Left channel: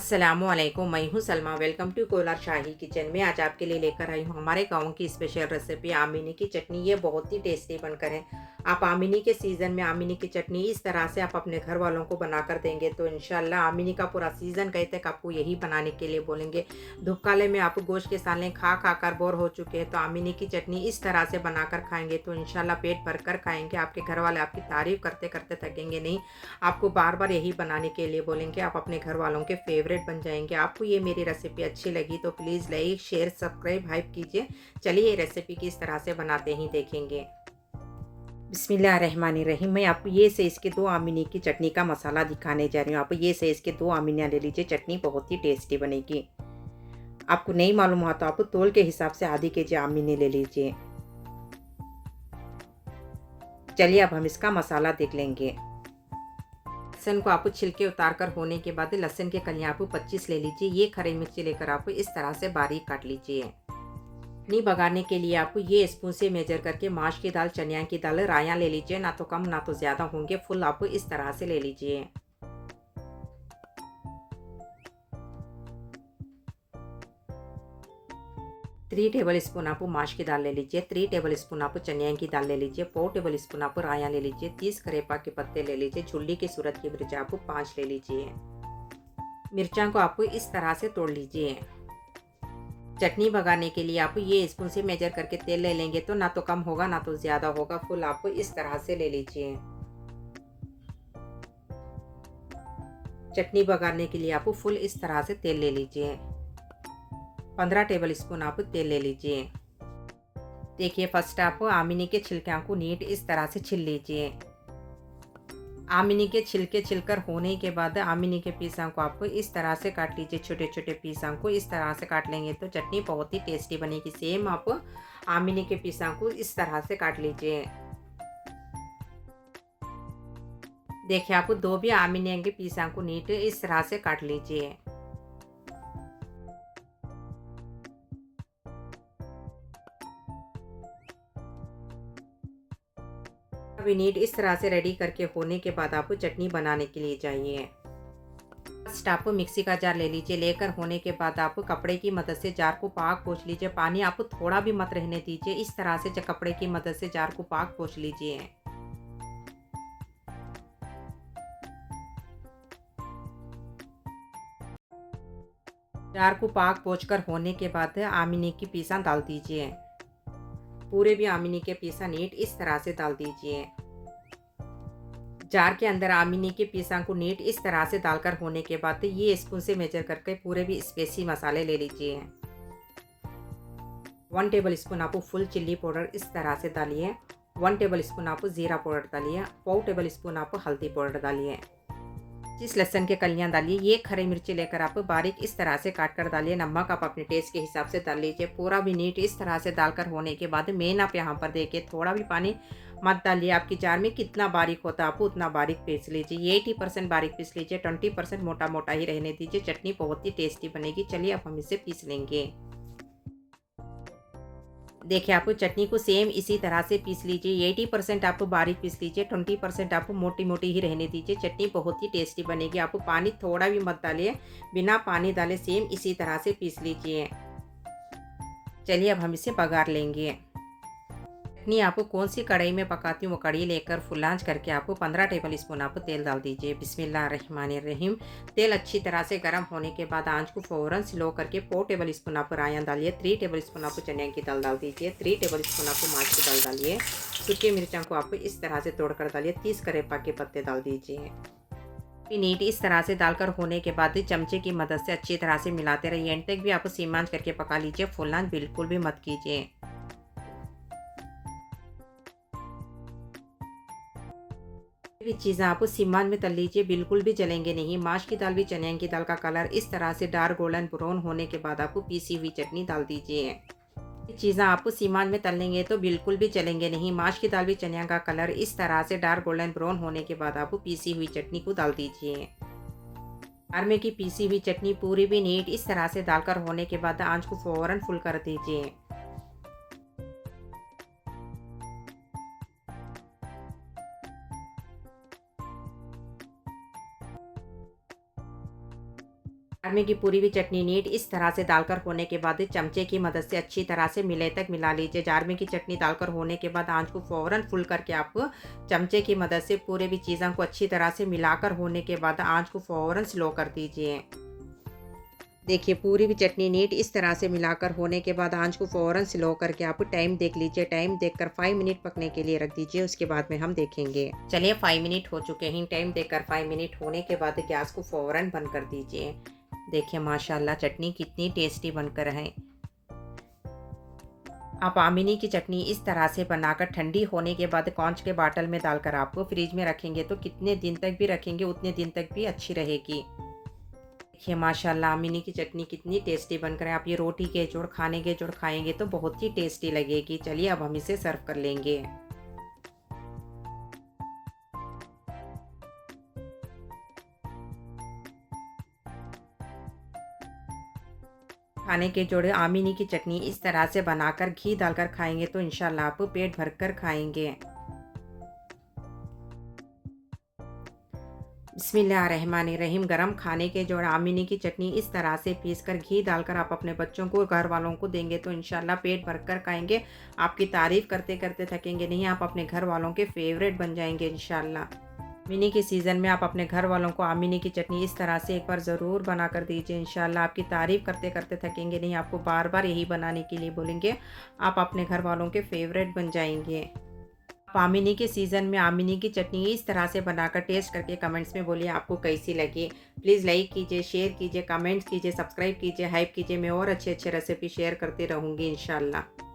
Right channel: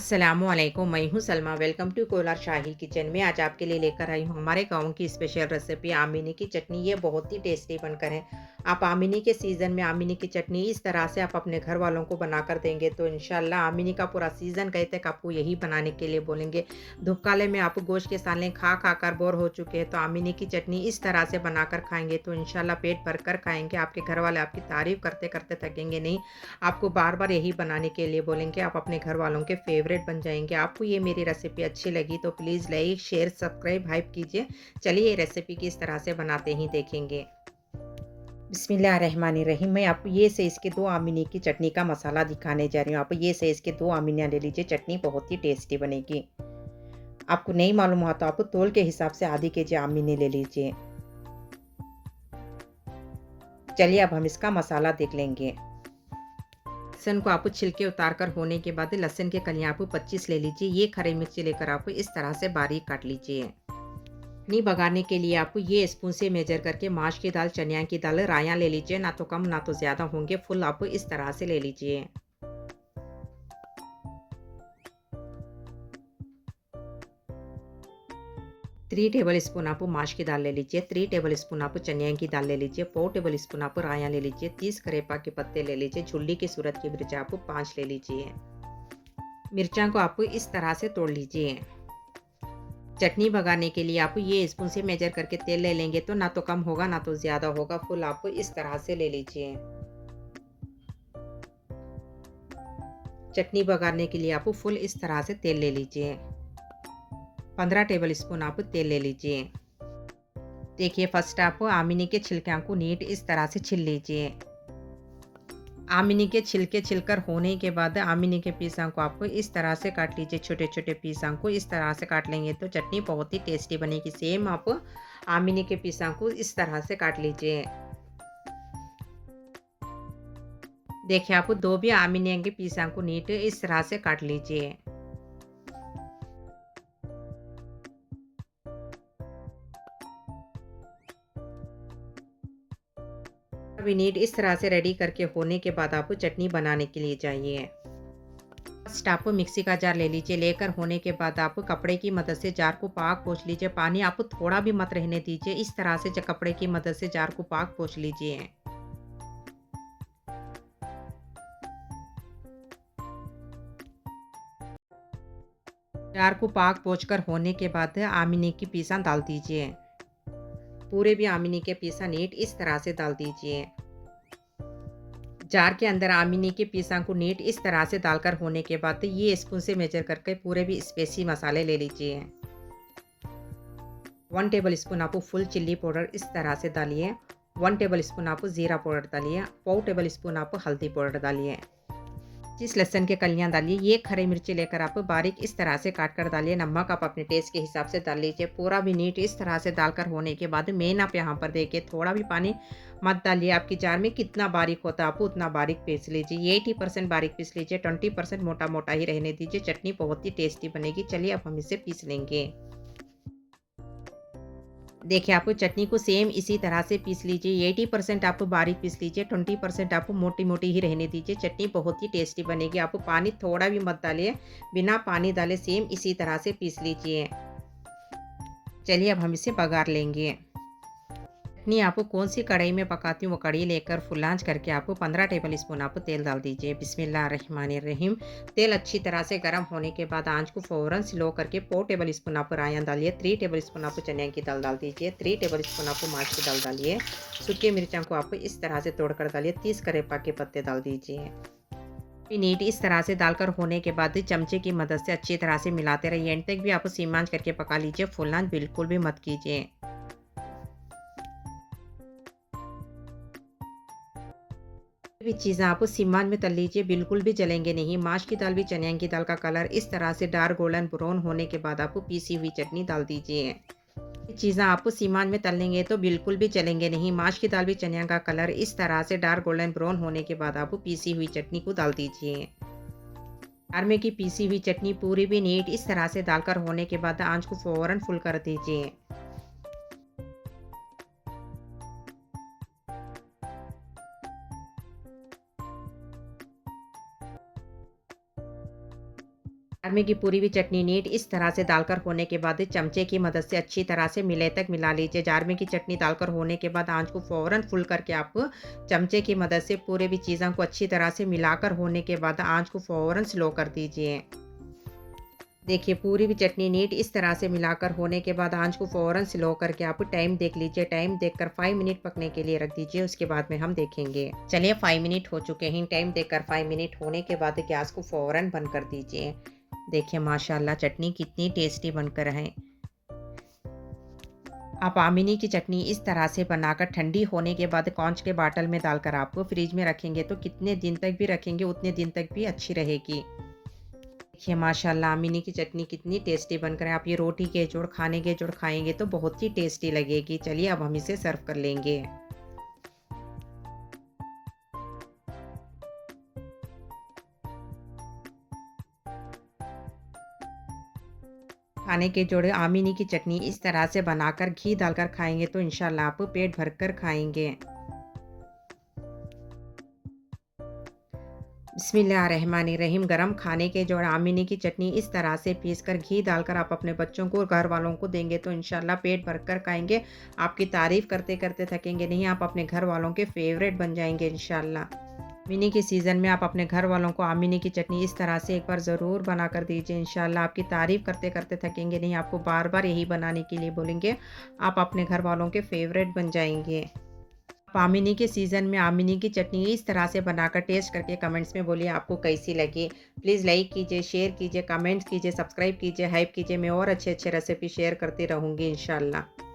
अस्सलामुअलैकुम, मैं हूँ Salma. Welcome to Kolar Shahi kitchen में। आज आपके लिए लेकर आई हूँ हमारे गाँव की स्पेशल रेसिपी आमिनी की चटनी। ये बहुत ही टेस्टी बनकर है। आप आमिनी के सीज़न में आमिनी की चटनी इस तरह से आप अपने घर वालों को बनाकर देंगे तो इंशाल्लाह आमिनी का पूरा सीज़न कहीं तक आपको यही बनाने के लिए बोलेंगे। धूपकाले में आप गोश्त के साले खा खा कर बोर हो चुके हैं तो आमिनी की चटनी इस तरह से बनाकर खाएंगे तो इंशाल्लाह पेट भर कर खाएंगे। आपके घर वाले आपकी तारीफ़ करते करते थकेंगे नहीं। आपको बार बार यही बनाने के लिए बोलेंगे। आप अपने घर वालों के फेवरेट बन जाएंगे। आपको ये मेरी रेसिपी अच्छी लगी तो please like share subscribe hype कीजिए। चलिए ये रेसिपी किस तरह से बनाते ही देखेंगे। बिस्मिल्लाहिर्रहमानिर्रहीम। मैं आपको ये से इसके दो आमिनी की चटनी का मसाला दिखाने जा रही हूँ। आप ये से इसके दो आमिनियाँ ले लीजिए। चटनी बहुत ही टेस्टी बनेगी। आपको नहीं मालूम हुआ तो आप तोल के हिसाब से आधी केजी आमिनी ले लीजिए। चलिए अब हम इसका मसाला देख लेंगे। लहसुन को आप छिलके उतार कर होने के बाद लहसुन के कलियां आप 25 ले लीजिए। ये खरी मिर्ची लेकर आप इस तरह से बारीक काट लीजिए। चटनी बघारने के लिए आपको ये स्पून से मेजर करके माश की दाल, चनिया की दाल, राया ले लीजिए। ना तो कम ना तो ज़्यादा होंगे, फुल आप इस तरह से ले लीजिए। 3 टेबल स्पून आप माश की दाल ले लीजिए। 3 टेबल स्पून आप चनिया की दाल ले लीजिए। 4 टेबल स्पून आप राया ले लीजिए। 30 करेपा के पत्ते ले लीजिए। झुल्ली की सूरत की मिर्च आप 5 ले लीजिए। मिर्चा को आप इस तरह से तोड़ लीजिए। चटनी भगाने के लिए आप ये स्पून से मेजर करके तेल ले लेंगे तो ना तो कम होगा ना तो ज़्यादा होगा, फुल आप इस तरह से ले लीजिए। चटनी भगाने के लिए आप फुल इस तरह से तेल ले लीजिए। 15 टेबल स्पून आप तेल ले लीजिए। देखिए फर्स्ट आप आमिनी के छिलके को नीट इस तरह से छिल लीजिए। आमिनी के छिलके छिलकर होने के बाद आमिनी के पीसा को आप इस तरह से काट लीजिए। छोटे छोटे पीसा को इस तरह से काट लेंगे तो चटनी बहुत ही टेस्टी बनेगी। सेम आप आमिनी के पीसा को इस तरह से काट लीजिए। देखिए आप दो भी आमिनी के पीसा को नीट इस तरह से काट लीजिए। अभी नीट इस तरह से रेडी करके होने के बाद आप चटनी बनाने के लिए जाइए। फर्स्ट आप मिक्सी का जार ले लीजिए। लेकर होने के बाद आप कपड़े की मदद से जार को पाक पोंछ लीजिए। पानी आप थोड़ा भी मत रहने दीजिए। इस तरह से कपड़े की मदद से जार को पाक पोंछ लीजिए। जार को पाक पोंछ कर होने के बाद आमिनी की पीसा डाल दीजिए। पूरे भी आमिनी के पीसा नीट इस तरह से डाल दीजिए। जार के अंदर आमिनी के पीसा को नीट इस तरह से डालकर होने के बाद ये स्पून से मेजर करके पूरे भी स्पेसी मसाले ले लीजिए। 1 टेबल स्पून आप फुल चिल्ली पाउडर इस तरह से डालिए। 1 टेबल स्पून आप ज़ीरा पाउडर डालिए। 4 टेबल स्पून आप हल्दी पाउडर डालिए। जिस लहसुन के कलियां डालिए। ये खरी मिर्ची लेकर आप बारीक इस तरह से काट कर डालिए। नमक आप अपने टेस्ट के हिसाब से डाल लीजिए। पूरा भी नीट इस तरह से डालकर होने के बाद मेन आप यहाँ पर देखिए थोड़ा भी पानी मत डालिए। आपकी जार में कितना बारीक होता है आप उतना बारीक पीस लीजिए। 80% बारीक पीस लीजिए। 20% मोटा मोटा ही रहने दीजिए। चटनी बहुत ही टेस्टी बनेगी। चलिए अब हम इसे पीस लेंगे। देखिए आप चटनी को सेम इसी तरह से पीस लीजिए। 80% आप बारीक पीस लीजिए। 20% आप मोटी मोटी ही रहने दीजिए। चटनी बहुत ही टेस्टी बनेगी। आप पानी थोड़ा भी मत डालिए। बिना पानी डाले सेम इसी तरह से पीस लीजिए। चलिए अब हम इसे बघार लेंगे। चटनी आपको कौन सी कढ़ाई में पकाती हूँ वो कढ़ाई लेकर फुल आंच करके आपको 15 टेबल स्पून आप तेल डाल दीजिए। बिस्मिल्लाहिर्रहमानिर्रहीम। तेल अच्छी तरह से गर्म होने के बाद आंच को फ़ौरन स्लो करके 4 टेबल स्पून आप रायन डालिए। 3 टेबल स्पून आप चनिया की दाल डाल दीजिए। 3 टेबल स्पून आप माश की दाल डालिए। सूखी मिर्चा को आप इस तरह से तोड़कर डालिए। 30 करेपा के पत्ते डाल दीजिए। नीट इस तरह से डालकर होने के बाद चमचे की मदद से अच्छी तरह से मिलाते रहिए। एंड तक भी आप सीम आंच करके पका लीजिए। फुल आंच बिल्कुल भी मत कीजिए। भी चीज़ें आप सीमान में तल लीजिए। बिल्कुल भी जलेंगे नहीं। माश की दाल भी चनिया की दाल का कलर इस तरह से डार्क गोल्डन ब्राउन होने के बाद आप पीसी हुई चटनी डाल दीजिए। ये चीज़ें आप सीमान में तल लेंगे तो बिल्कुल भी चलेंगे नहीं। माश की दाल भी चनिया का कलर इस तरह से डार्क गोल्डन ब्राउन होने के बाद आप पीसी हुई चटनी को डाल दीजिए। जार में की पीसी हुई चटनी पूरी भी नीट इस तरह से डालकर होने के बाद आंच को फौरन फुल कर दीजिए। जार में की पूरी हुई चटनी नीट इस तरह से डालकर होने के बाद चमचे की मदद से अच्छी तरह से मिले तक मिला लीजिए। जार में की चटनी डालकर होने के बाद आंच को फ़ौरन फुल करके आप चमचे की मदद से पूरे भी चीज़ों को अच्छी तरह से मिलाकर होने के बाद आंच को फ़ौरन स्लो कर दीजिए। देखिए पूरी भी चटनी नीट इस तरह से मिलाकर होने के बाद आंच को फ़ौरन स्लो करके आप टाइम देख लीजिए। टाइम देखकर 5 मिनट पकने के लिए रख दीजिए, उसके बाद में हम देखेंगे। चलिए 5 मिनट हो चुके हैं। टाइम देखकर 5 मिनट होने के बाद गैस को फ़ौरन बंद कर दीजिए। देखिए माशाल्लाह चटनी कितनी टेस्टी बनकर है। आप आमिनी की चटनी इस तरह से बनाकर ठंडी होने के बाद कांच के बाटल में डालकर आप फ्रिज में रखेंगे तो कितने दिन तक भी रखेंगे उतने दिन तक भी अच्छी रहेगी। देखिए माशाल्लाह आमिनी की चटनी कितनी टेस्टी बनकर है। आप ये रोटी के जोड़ खाने के जोड़ खाएंगे तो बहुत ही टेस्टी लगेगी। चलिए अब हम इसे सर्व कर लेंगे। खाने के जोड़े आमिनी की चटनी इस तरह से बनाकर घी डालकर खाएंगे तो इंशाल्लाह आप पेट भरकर खाएंगे। बिस्मिल्लाहिर्रहमानिर्रहीम। गरम खाने के जोड़ आमिनी की चटनी इस तरह से पीस कर घी डालकर आप अपने बच्चों को घर वालों को देंगे तो इंशाल्लाह पेट भरकर खाएंगे। आपकी तारीफ़ करते करते थकेंगे नहीं। आप अपने घर वालों के फेवरेट बन जाएंगे इंशाल्लाह। मिनी के सीज़न में आप अपने घर वालों को आमिनी की चटनी इस तरह से एक बार ज़रूर बना कर दीजिए। इंशाल्लाह आपकी तारीफ़ करते करते थकेंगे नहीं। आपको बार बार यही बनाने के लिए बोलेंगे। आप अपने घर वालों के फेवरेट बन जाएंगे। आप आमिनी के सीज़न में आमिनी की चटनी इस तरह से बनाकर टेस्ट करके कमेंट्स में बोलिए आपको कैसी लगी। प्लीज़ लाइक कीजिए, शेयर कीजिए, कमेंट्स कीजिए, सब्सक्राइब कीजिए, हाइप कीजिए। मैं और अच्छे अच्छे रेसिपी शेयर करती रहूँगी इंशाल्लाह।